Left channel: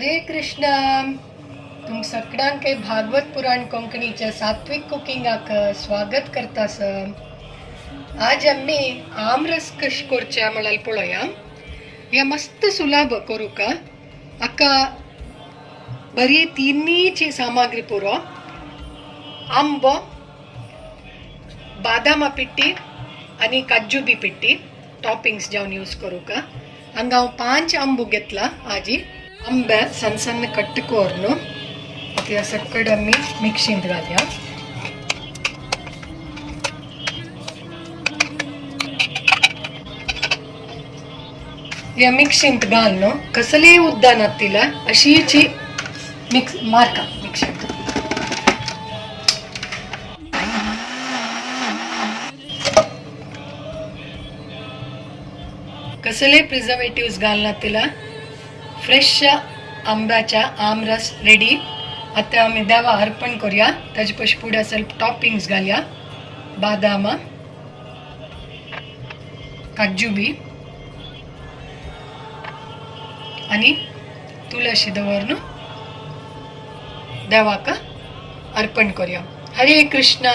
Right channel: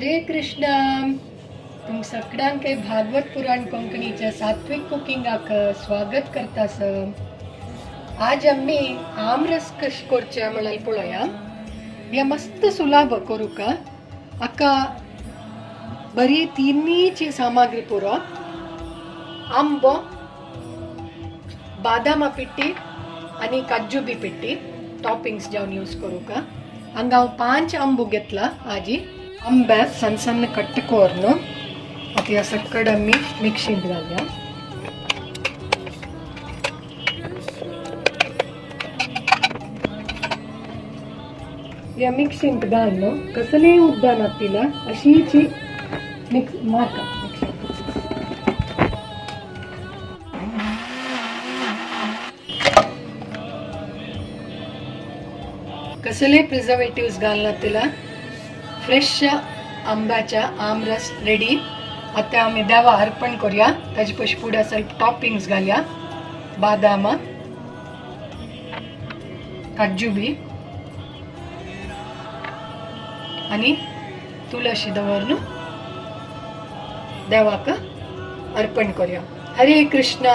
हरे कृष्णा. तुम सगळ्यांक भागवत पुराण कोंकणीच्या सात्विक कुकिंगाक स्वागत करतास. आज आम्ही आमरस कश करचे म्हणाल पळोवया. या मस्त सुलभ करूक अका बरी तिन्नीची सामग्री पुरो. आंबो, बादामा पिट्टी आणि काजू बी पिट्टी टॉपिंग्स जावन यूज करूक. हांगा हांव 5 आंबो घेतला. आजी आंबे सಣ್ಣ सಣ್ಣ कट्टकोरन आता या सकड आम्ही मिक्सिंत घालया. या मिक्सिंत घालनो कसले उद्दानात तिला अशीची मिक्स मारका मिक्सिंत. कसले प्रिझर्वेटिव्स घालना तिला. फ्रेश आंब्याचा आमरस रेडी. आता आम्ही देवा अर्पण करूया. ताजे पयलीं फुडें ಸ್ವಲ್ಪ टॉपिंग्स घालया. बादामा, काजू बी आणि तुळशी दवरून देवाक अर्पण करूया. हरे कृष्णा.